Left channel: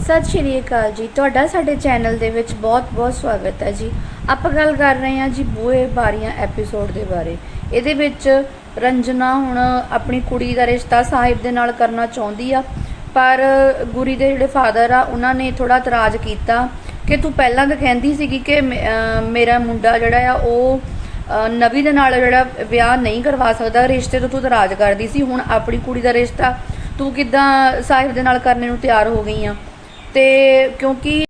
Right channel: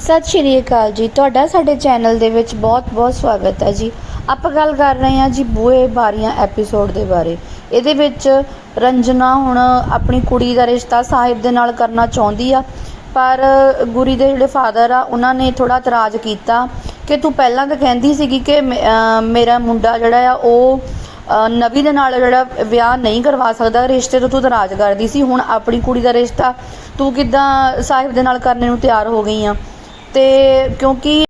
ਸਤਿ ਸ਼੍ਰੀ ਅਕਾਲ ਜੀ। ਤੁਹਾਡਾ ਸਾਡੇ ਚੈਨਲ ਦੇ ਵਿੱਚ ਬਹੁਤ-ਬਹੁਤ ਸਵਾਗਤ ਹੈ ਜੀ। ਆਪਾਂ ਗੱਲ ਕਰ ਰਹੇ ਹਾਂ ਜੀ ਬੂਹੇ ਬਾਰੀਆਂ ਐਪੀਸੋਡ ਦੇ ਬਾਰੇ। ਇਹਦੇ ਵਿੱਚ ਰੰਜਨਾ ਹੁਣ ਆਪਣੀ ਕੁੜੀ ਦਾ ਰਿਸ਼ਤਾ ਸਾਹਿਬ ਦੇ ਨਾਲ ਕਰਨਾ ਚਾਹੁੰਦੀ ਆ। ਪਰ ਗੁਰੀ ਦੇ ਜਿਹੜੇ ਫਾਦਰ ਆ, ਉਹਨਾਂ ਨੇ ਥੋੜਾ ਇਤਰਾਜ਼ ਕੀਤਾ ਕਿ ਤੂੰ ਪਹਿਲਾਂ ਤਾਂ ਕਹਿੰਦੀ ਸੀਗੀ ਕਿ ਮੇ- ਮੇਰਾ ਮੁੰਡਾ ਜਿਹੜਾ ਆ, ਉਹ, ਅਹ, ਨਵੀ ਦੇ ਨਾਲ ਜਿਹੜਾ ਵਿਆਹ ਨਹੀਂ ਕਰਵਾ ਸਕਦਾ। ਰਿਸ਼ਤੇ ਤੋਂ ਤੂੰ ਇਤਰਾਜ਼ ਕਰਦੀ ਸੀ। ਹੁਣ ਆਪਣੀ ਕੁੜੀ ਦਾ ਰਿਸ਼ਤਾ ਤੂੰ ਕਿਦਾਂ ਸਾਹਿਬ ਦੇ ਨਾਲ ਕਰਨੇ ਨੂੰ ਤਿਆਰ ਹੋ ਗਈ ਆ? ਤੇ ਕਿਉਂਕਿ